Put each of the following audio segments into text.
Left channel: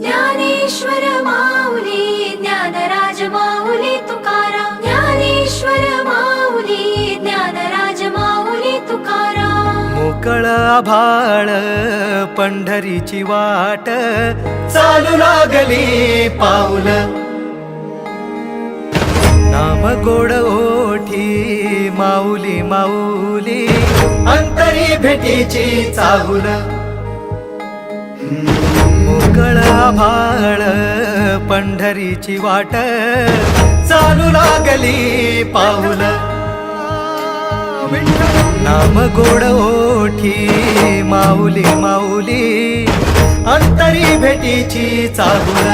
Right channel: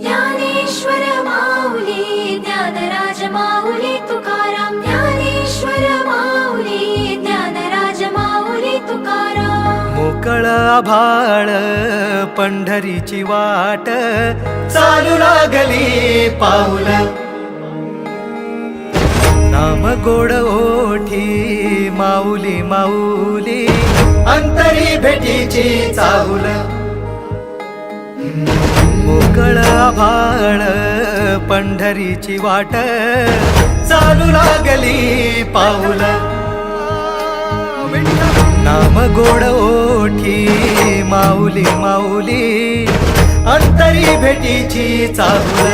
ज्ञानेश्वर माऊली ज्ञानराज माऊली तुकाराम ज्ञानेश्वर माऊली ज्ञानराज माऊली तुकाराम मोकळ आभाळ पंढरीची वाट चालू लागली पाऊल नाम गोड ओठी माऊली माऊली अंतरी भेटीची चाहुल मोकळ आभाळ पंढरीची वाट चालू लागली पाऊल नाम गोड ओठी माऊली माऊली अंतरी भेटीची चाहुल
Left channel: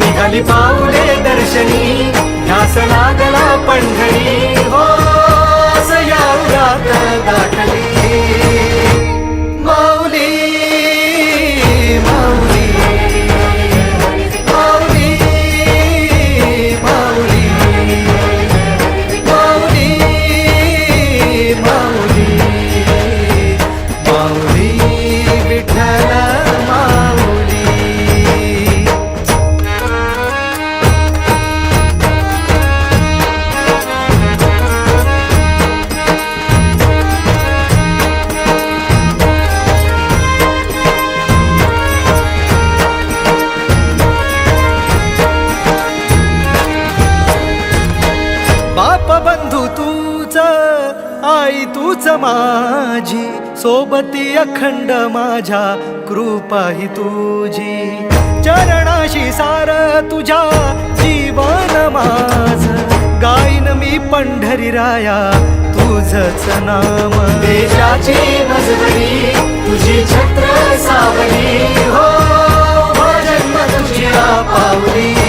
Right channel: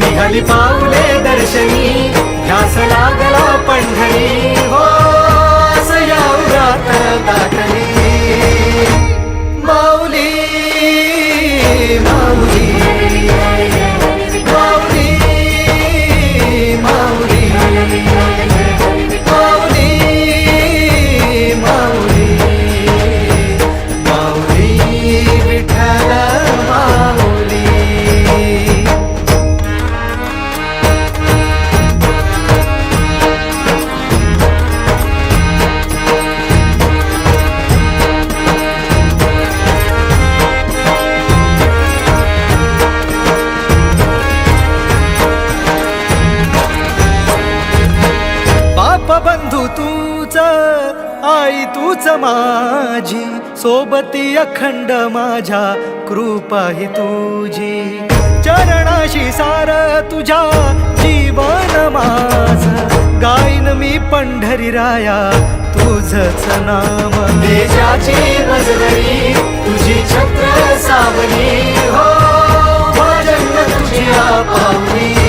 निघाली पाऊले दर्शनी ध्यास लागला पंढरी हो सयावरात दाटली माऊली माऊली माऊली माऊली माऊली माऊली माऊली विठ्ठल माऊली बाप बंधू तूच आई तूच माझी सोबती अखंड माझ्या कृपा ही तुझी चरणाशी सार तुझ्या जीवन माझ गाईन मी पंढरी राया तुझच नाम देशाची मजबरी तुझी छत्र सावली हो भजन तुझी पावली